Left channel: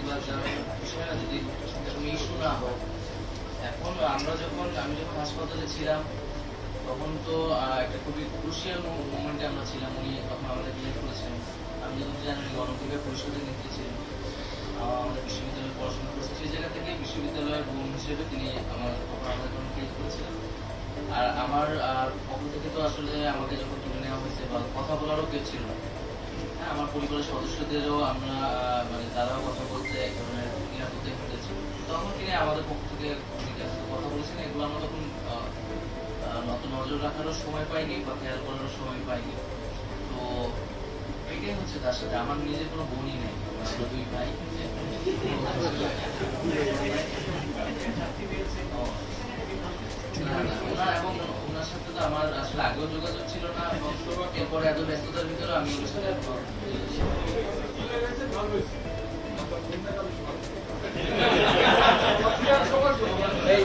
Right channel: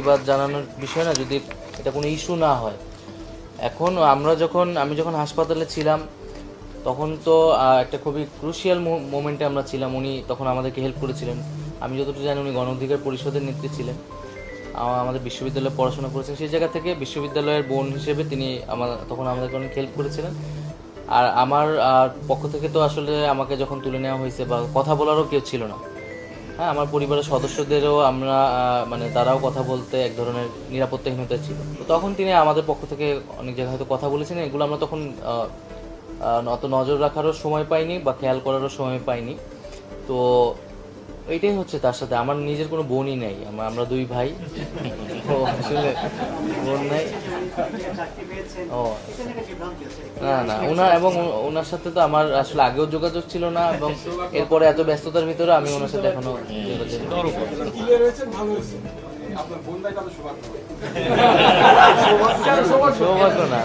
প্রতিবাদ জানানোর বিষয় না, যদি এটা কোনো ইস্যু না হয়। এখন আমি যখন হাসপাতালে ছিলাম তখন তো একটা খুবই ক্রুশিয়াল মোমেন্টে আমরা ছিলাম। উনি তখন আমাদেরকে হেল্প করেছিলেন। আমি যতটুকু জানি উনি গণ অধিকার পরিষদের নেত্রী ছিলেন, আমাদের বিশ্ববিদ্যালয়ে পড়াশোনা করেছেন। সেই জায়গা থেকে বিশ্ববিদ্যালয়ের বোন হিসেবে তিনি তখন আমাদেরকে অনেক হেল্প করেছিলেন। আর আমার পক্ষ থেকে তো আসলে আমাকে যখন তুলে নেওয়া হয়েছে বা কথা বলারও কেউ ছিল না। হ্যাঁ, আমার পরিবারের সদস্যদেরও আমরা মানে তারাও কথা বলতে এক ধরনের নিরাপত্তাহীনতা ছিল। তখন তিনি আমাদের পক্ষ থেকে অনেক জায়গায় হয়তো কথা বলেছেন, এগুলো আমরা তখন অত নজর রাখারও সময় পাইনি বা খেয়াল করারও সময় পাইনি। তো এইটাই হচ্ছে তার সাথে। আমার নিজের কোনো বোনই নেই, আমরা দুই ভাই। আসলে বোন নাই। ও না না, ওনার সাথে তো আমার আসলে আগেও যোগাযোগ ছিল না, এবং এরপরে এত ব্যস্ততার ভিতরে আমি ওনার সাথে এখনো সৌভাগ্য না।